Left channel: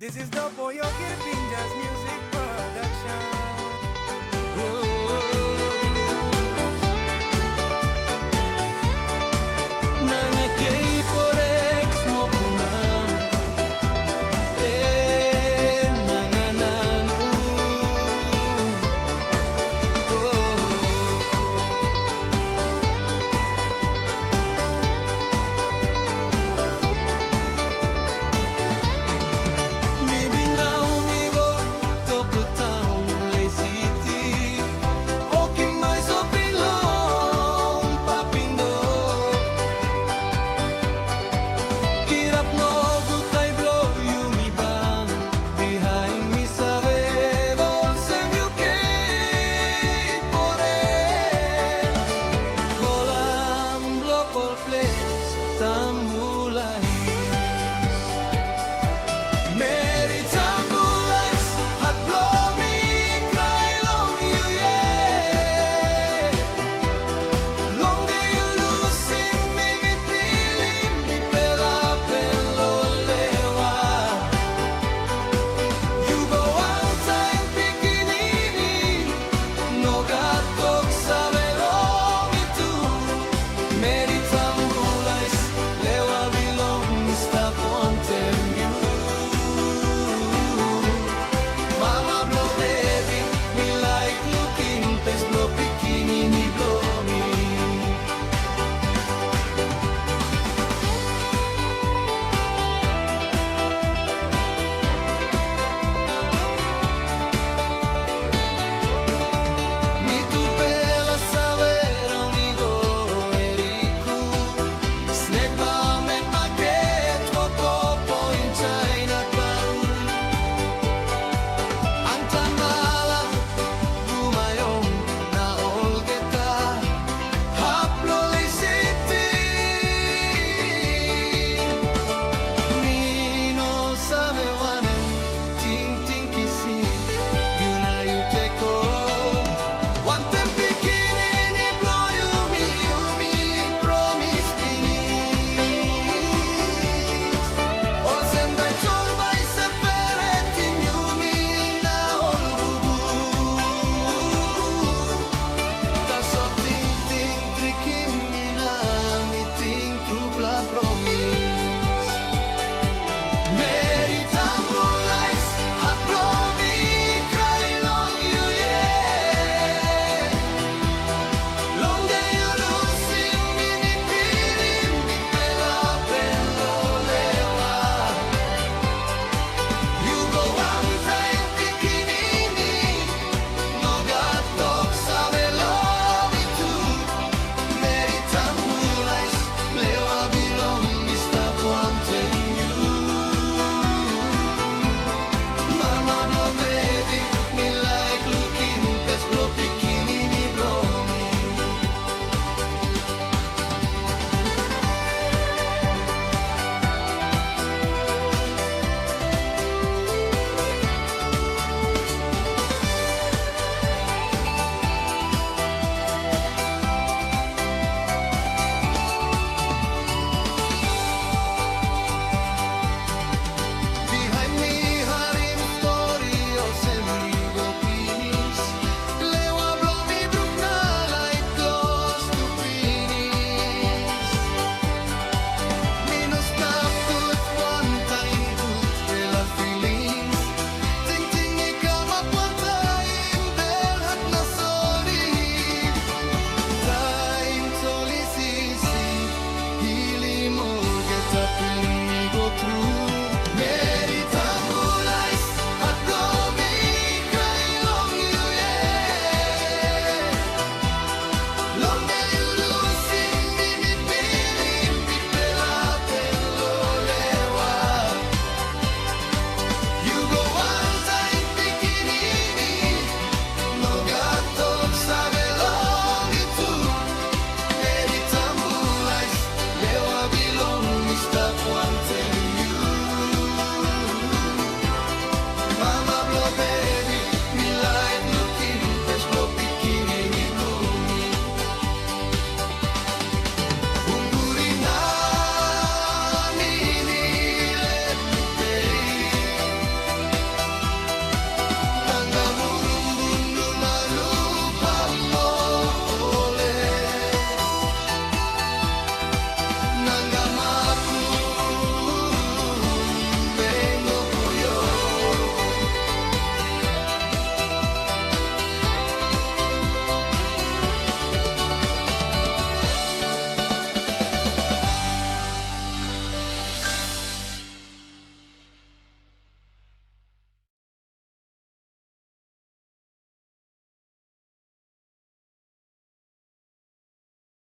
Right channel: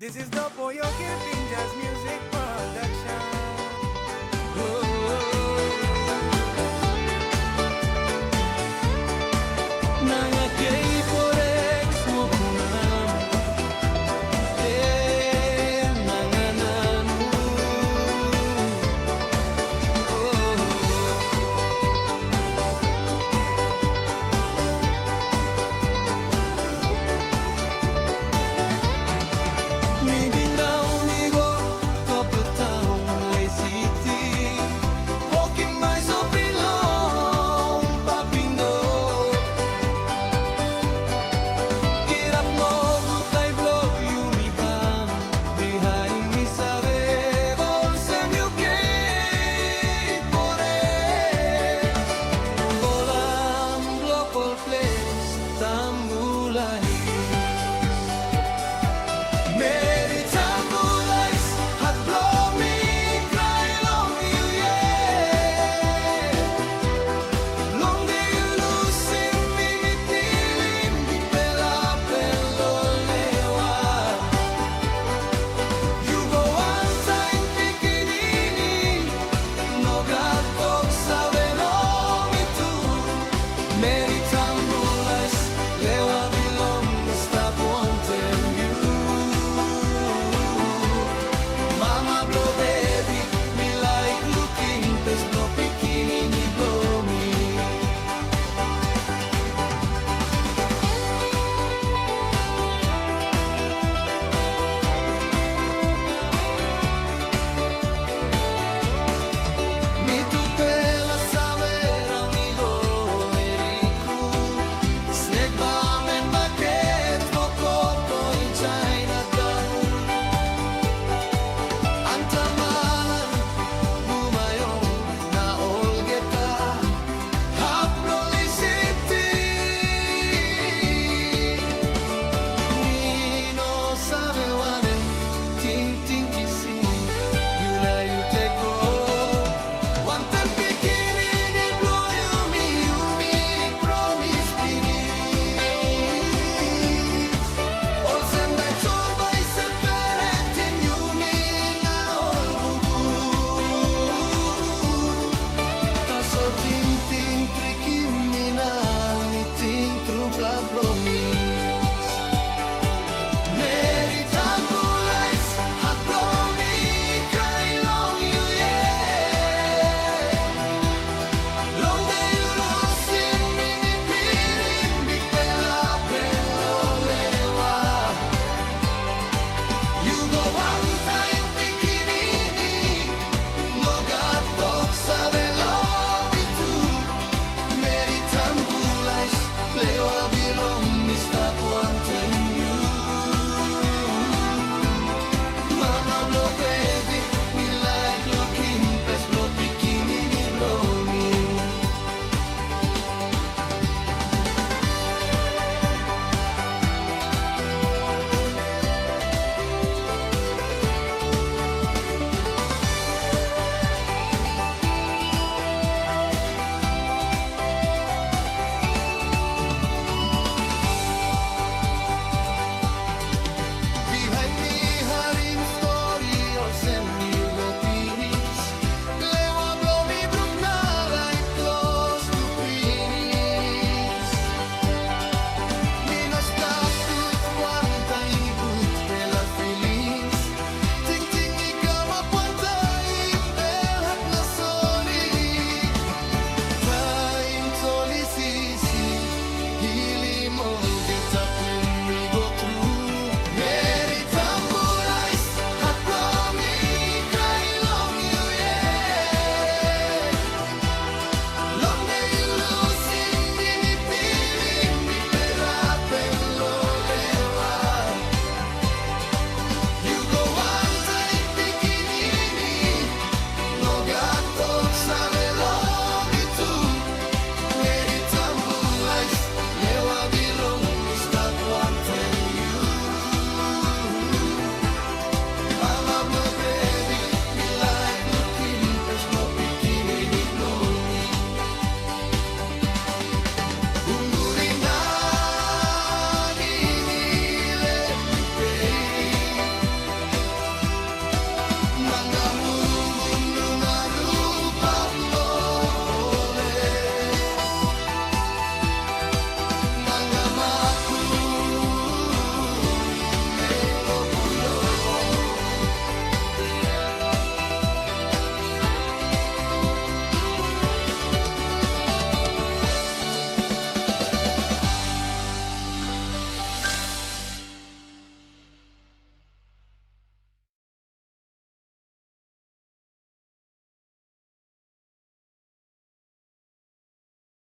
This is the Pollo Pinjas Music Production. Nangagay forex mo punang nangananu Mi bindaw migo kapatang ay city Walking my so pilong papindo Kirap no gutay blow yumibang Behind me sa rebel sem UK Pores Bolang local place tambulay Mary tambulais hat blow me cry long you yeah Long day you losing me pilim mi pela pelo lewa You go one time pikinini no gatok sa belong itu Mary tambulais lewa bilong stop on tell you Mama blow baby, me like looking, pes blow bikini blow